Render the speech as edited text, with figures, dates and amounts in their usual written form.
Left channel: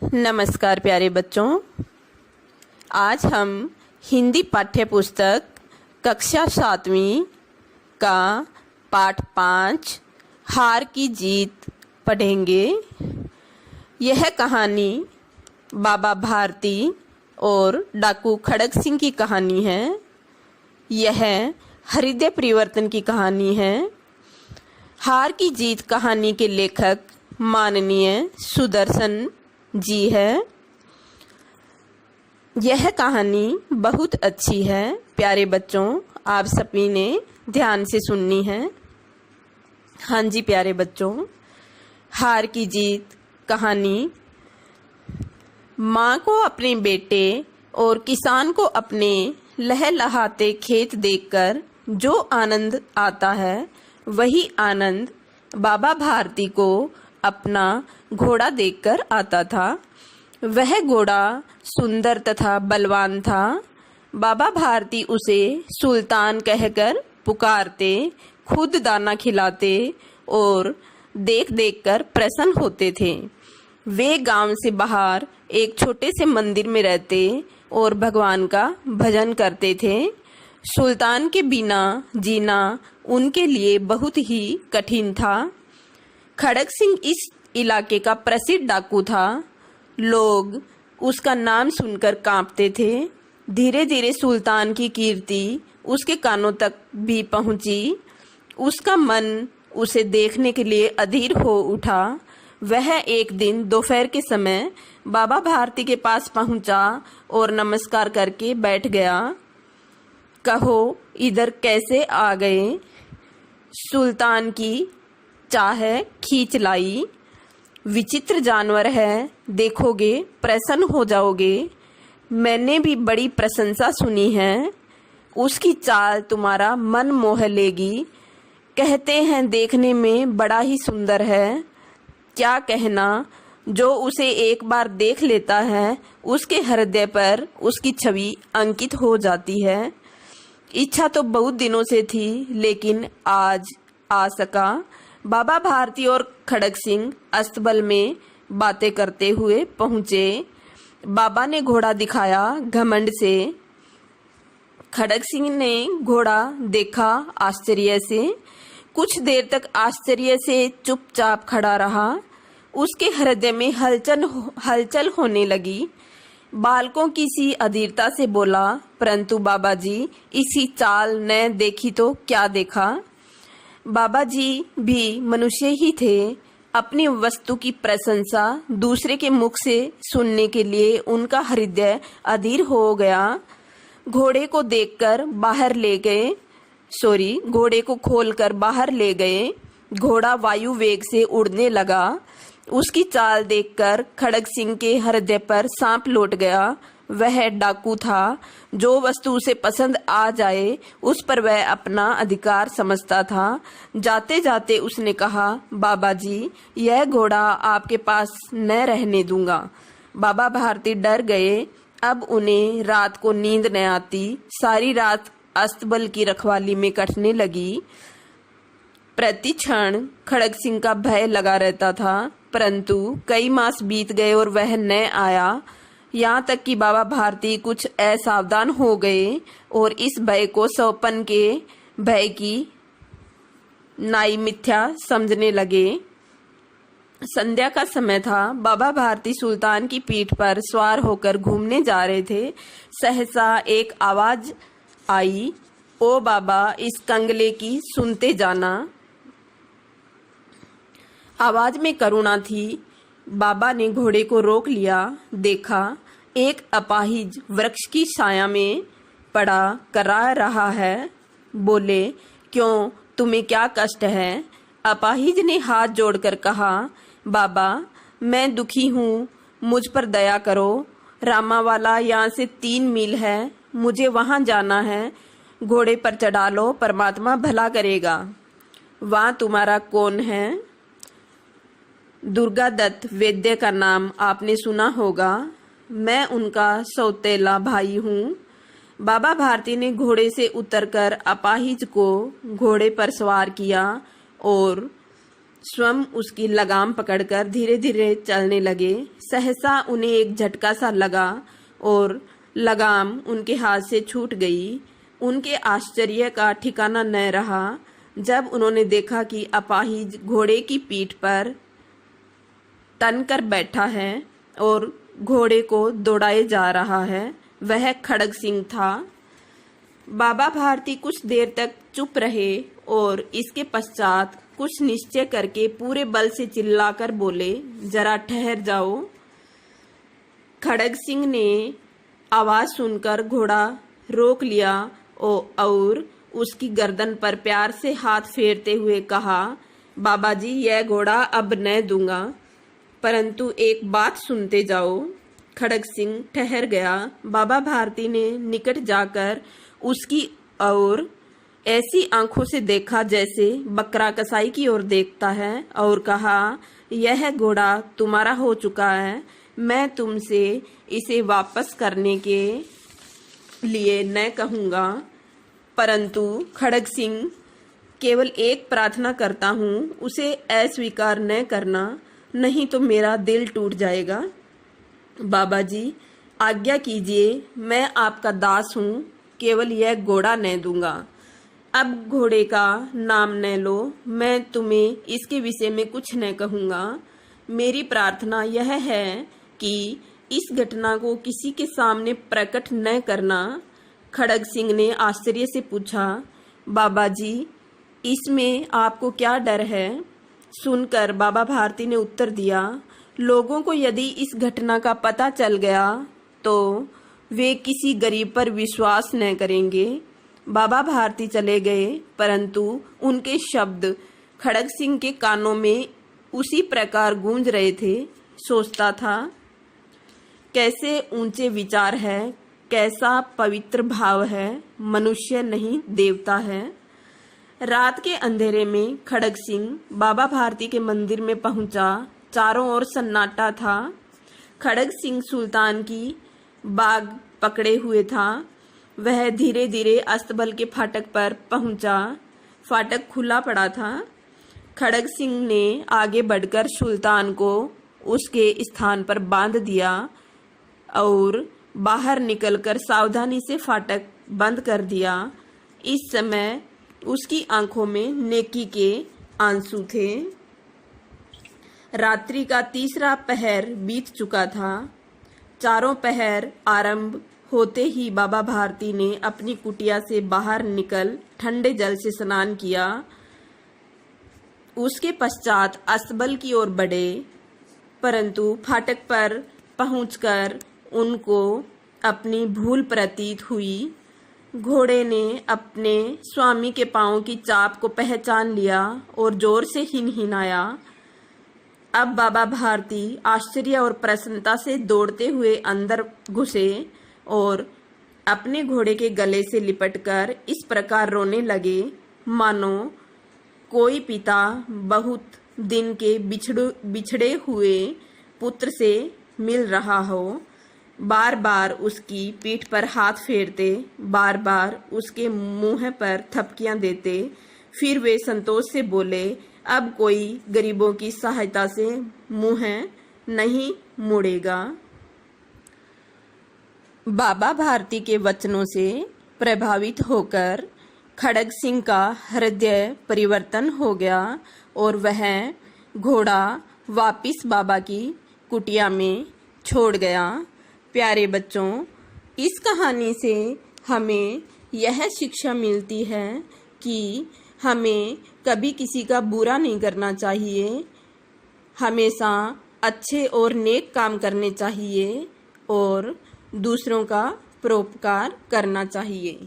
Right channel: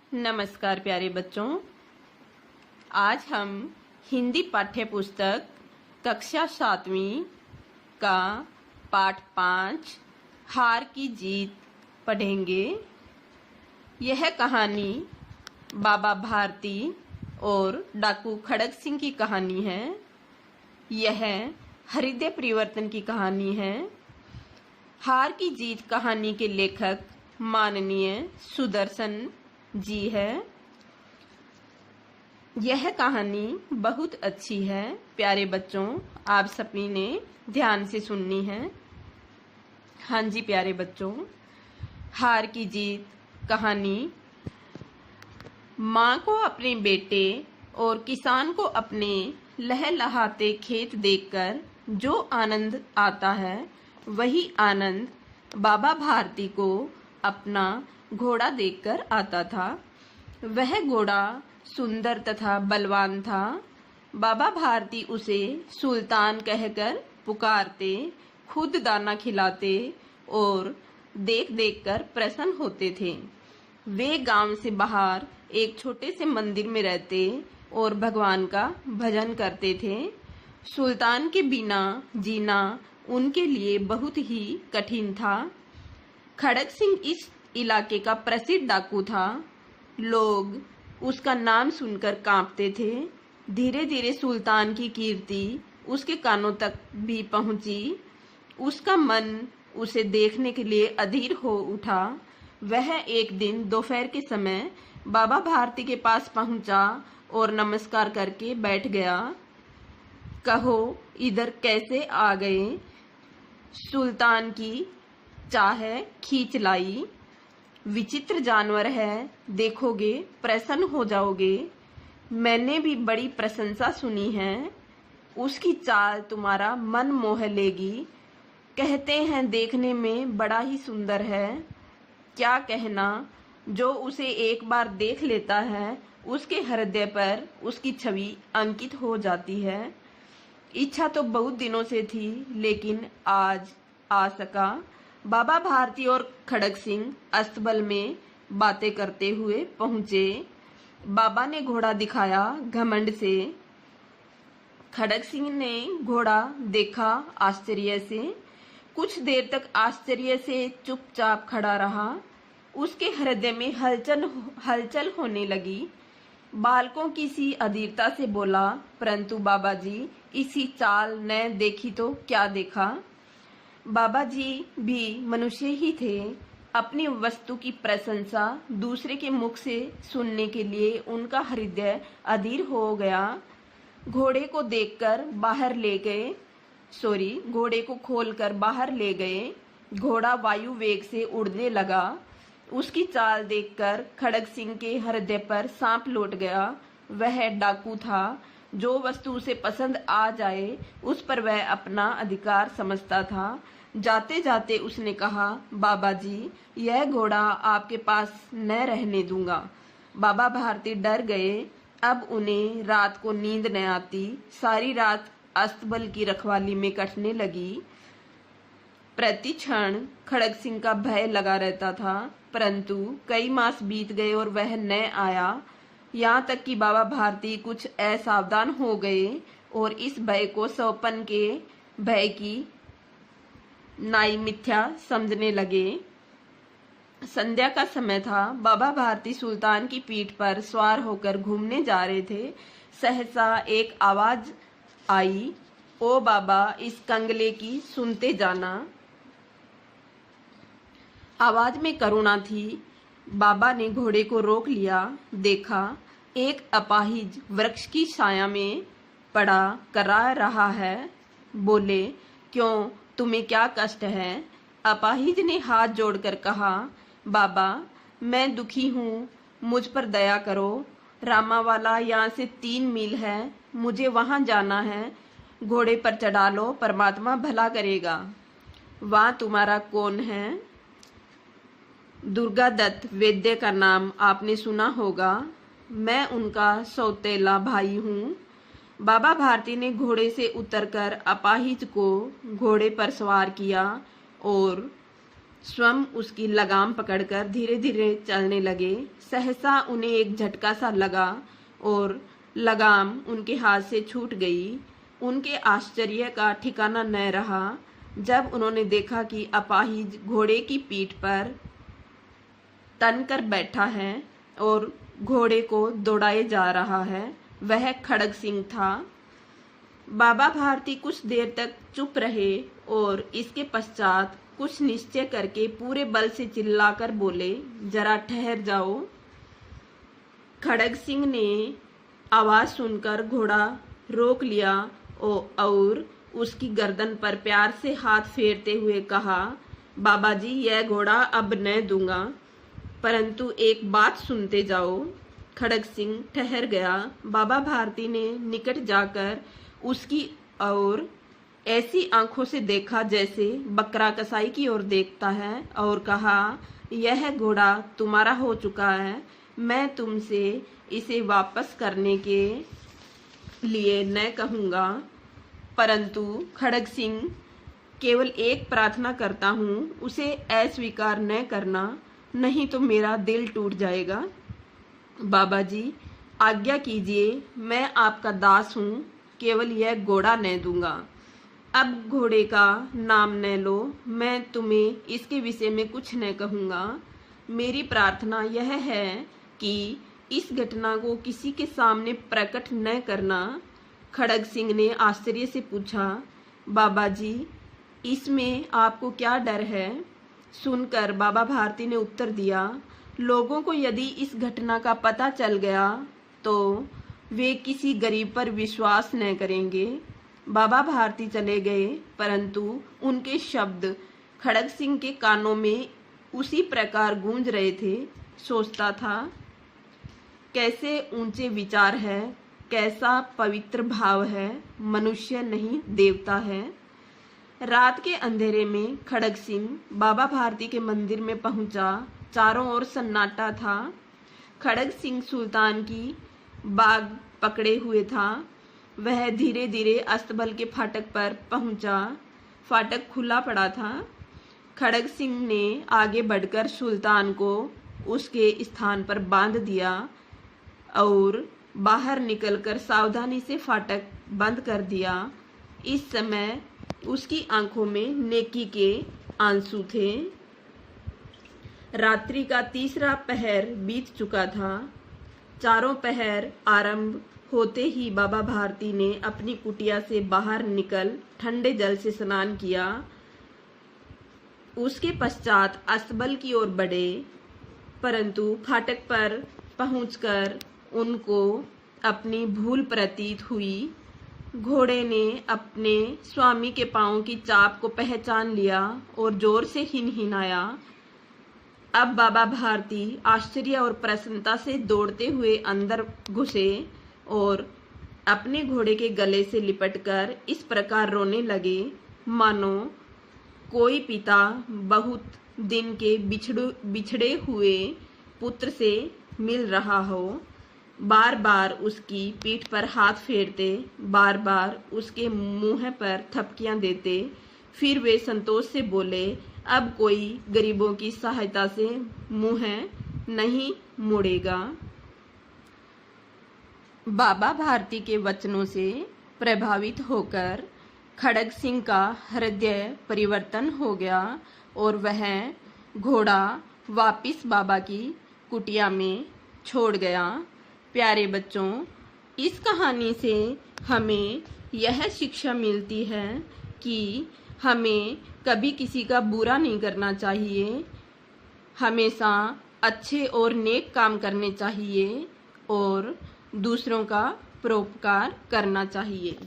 नमस्कार प्यारे बच्चों। आज हम हिंदी पाठ्य पुस्तक कक्षा 7वीं का पाठ 5 हार की जीत पढ़ेंगे। यह कहानी बाबा भारती और डाकू खड़ग सिंह की कहानी है। यह हृदय परिवर्तन की कहानी है। हार की जीत कहानी के लेखक माननीय सुदर्शन जी है। यह कहानी बहुत अच्छी है प्यारे बच्चों, आप सभी ने ध्यान से सुननी है। हाँ जी प्यारे बच्चों, हार की जीत कहानी माँ को अपने बेटे और किसान को अपने लहलहाते खेत देखकर जो आनंद आता है, वही आनंद बाबा भारती को अपना घोड़ा देखकर आता था। वह घोड़ा सुंदर तथा बलवान था। बाबा भारती उसे सुल्तान कहकर पुकारते, खुद दाना खिलाते और देख देख कर प्रसन्न होते थे। वे गांव से बाहर एक छोटे से मंदिर में रहते और भगवान का भजन करते थे। सुल्तान के बिना जीना उनके लिए बहुत ही कठिन था। खड़ग सिंह इस इलाके का प्रसिद्ध डाकू था। लोग उसका नाम सुनकर कांपते थे। धीरे धीरे सुल्तान की कीर्ति उसके कानों तक भी पहुंची। उसका मन उसे देखने के लिए अधीर हो उठा। वह एक दिन दोपहर के समय बाबा भारती के पास पहुंचा और नमस्कार करके बैठ गया। कहो इधर कैसे आ गए? सुल्तान की चाह खींच लाई। विचित्र जानवर है, देखोगे प्रसन्न हो जाओगे। मैंने भी बड़ी प्रशंसा सुनी है। उसकी चाल तुम्हारा मन मोह लेगी। कहते हैं देखने में बड़ा ही सुंदर है। क्या कहना, जो उसे एक बार देख लेता है उसके हृदय पर उसकी छवि अंकित हो जाती है। इच्छा तो बहुत दिनों से थी, लेकिन आज आ सका। बाबा भारती और खड़ग सिंह अस्तबल में बातें करते हुए पहुंचे। बाबा ने घोड़ा दिखाया घमंड से। खड़ग सिंह ने घोड़ा देखा आश्चर्य से। कुछ देर तक आश्चर्य से चुपचाप खड़ा रहा। उसके हृदय में हलचल होने लगी। बालकों की सी अधीरता से बोला, परंतु बाबा जी, इसी चाल न देखी तो क्या देखा। बाबा जी भी मनुष्य ही थे। अपनी वस्तु की प्रशंसा दूसरे के मुख से सुनने के लिए उनका हृदय अधीर हो गया। घोड़े को देखकर बाहर ले गए घोड़े को खोलकर बाहर ले गए। घोड़ा वायु वेग से उड़ने लगा। उसकी चाल देखकर खड़ग सिंह के हृदय पर सांप लौट गया। वह डाकू था। जो वस्तु उसे पसंद आ जाए उस पर वह अपना अधिकार समझता था। जाते जाते उसने कहा, बाबा जी, यह घोड़ा आपके पास न रहने दूंगा। बाबा भारती डर गए। अब उन्हें रात को नींद न आती। सारी रात अस्तबल की रखवाली में कटने लगी। प्रति क्षण खड़ग सिंह का भय लगा रहता था, परंतु कई मास बीत गए और वह न आया। यहाँ तक कि बाबा भारती कुछ असावधान हो गए और इस भय को सौपन के भय की नाई मिथ्या समझने लगे। संध्या का समय था। बाबा भारती सुल्तान की पीठ पर सवार होकर घूमने जा रहे थे। सहसा एक आवाज आई, ओ बाबा, इस कंगले की सुनते जाना। आवाज में करुणा थी। बाबा ने घोड़े को रोक लिया। देखा एक अपाहिज वृक्ष की छाया में पड़ा करा रहा है। बोले, क्यों, तुम्हें क्या कष्ट है? अपाहिज ने हाथ जोड़कर कहा, बाबा, मैं दुखी हूँ, मुझ पर दया करो। रामावाला यहाँ से 3 मील है, मुझे वहाँ जाना है। घोड़े पर चढ़ा लो, परमात्मा भला करेगा। वहाँ तुम्हारा कौन है? दुर्गा दत्त वैद्य का नाम आपने सुना होगा। मैं उनका सौतेला भाई हूँ। बाबा भारती ने घोड़े से उतरकर अपाहिज को घोड़े पर सवार किया और स्वयं उसकी लगाम पकड़कर धीरे धीरे चलने लगे। सहसा उन्हें एक झटका सा लगा और लगाम उनके हाथ से छूट गई। उनके आश्चर्य का ठिकाना न रहा जब उन्होंने देखा कि अपाहिज घोड़े की पीठ पर तन कर बैठा है और घोड़े को दौड़ाए जा रहा है। वह खड़ग सिंह था। बाबा भारती कुछ देर तक चुप रहे और इसके पश्चात कुछ निश्चय करके पूरे बल से चिल्लाकर बोले, जरा ठहर जाओ। खड़ग सिंह ने आवाज सुनकर घोड़ा रोक लिया और उसकी गर्दन पर प्यार से हाथ फेरते हुए कहा, बाबा जी, यह घोड़ा अब न दूंगा, परंतु एक बात सुनते जाओ। खड़ग सिंह ठहर गया। बाबा भारती ने निकट जाकर उसकी ओर ऐसी आंखों से देखा जैसे बकरा कसाई की ओर देखता है और कहा, यह घोड़ा तुम्हारा हो चुका है। मैं तुमसे इसे वापस करने के लिए न कहूँगा, परंतु खड़ग सिंह, केवल एक प्रार्थना करता हूँ, उसे अस्वीकार न करना, नहीं तो मेरा दिल टूट जाएगा। बाबा जी, आज्ञा कीजिए, मैं आपका दास हूँ, केवल यह घोड़ा न दूंगा। अब घोड़े का नाम न लो, मैं तुम्हें इसके विषय में कुछ न कहूँगा। मेरी प्रार्थना यह है कि इस घटना को किसी के सामने प्रकट न करना। खड़ग सिंह ने आश्चर्य से पूछा, बाबा जी, इसमें आपको क्या डर है? सुनकर बाबा भारती ने उत्तर दिया, लोगों को यदि इस घटना का पता चल गया तो वे किसी गरीब पर विश्वास न करेंगे। बाबा भारती चले गए, परंतु उनके शब्द खड़ग सिंह के कानों में उसी प्रकार गूंज रहे थे। सोचता था, कैसे ऊंचे विचार है, कैसा पवित्र भाव है, मनुष्य नहीं देवता है। रात के अंधेरे में खड़ग सिंह बाबा भारती के मंदिर में पहुंचा। चारों ओर सन्नाटा था। खड़ग सिंह सुल्तान की बाग पकड़े हुए था। वह धीरे धीरे अस्तबल के फाटक पर पहुंचा। फाटक खुला पड़ा था। खड़ग सिंह ने आगे बढ़कर सुल्तान को उसके स्थान पर बांध दिया और बाहर निकलकर सावधानी से फाटक बंद कर दिया। इस समय उसकी आंखों में नेकी के आंसू थे। रात्रि का तीसरा पहर बीत चुका था। चारों पहर आरंभ होते ही बाबा भारती ने अपनी कुटिया से बाहर निकल ठंडे जल से स्नान किया। उसके पश्चात अस्तबल की ओर बढ़े, परंतु फाटक पर पहुंचकर उनको अपनी भूल प्रतीत हुई। घोड़े ने अपने स्वामी के पांव की चाप को पहचान लिया और जोर से हिनहिनाया। अब बाबा भारती आश्चर्य और प्रसन्नता से दौड़ते हुए अंदर घुसे और अपने घोड़े के गले से लिपटकर इस प्रकार रोने लगे, मानो कोई पिता बहुत दिन के बिछड़े हुए पुत्र से मिल रहा हो। बार बार उसकी पीठ पर हाथ फेरते, बार बार उसके मुंह पर थपकियां देते। फिर वे संतोष से बोले, अब कोई गरीबों की सहायता से मुंह नहीं मोड़ेगा। बाबा भारती के वचनों से प्रभावित होकर खड़ग सिंह का हृदय परिवर्तन हो गया और वह घोड़ा वापिस बाबा की कुटिया में छोड़ गया। प्यारे बच्चों, इस कहानी से हमें यह शिक्षा मिलती है कि हमें कभी किसी का बुरा नहीं करना चाहिए, हमेशा अच्छे और नेक काम करने चाहिए और दूसरों का परोपकार करना चाहिए।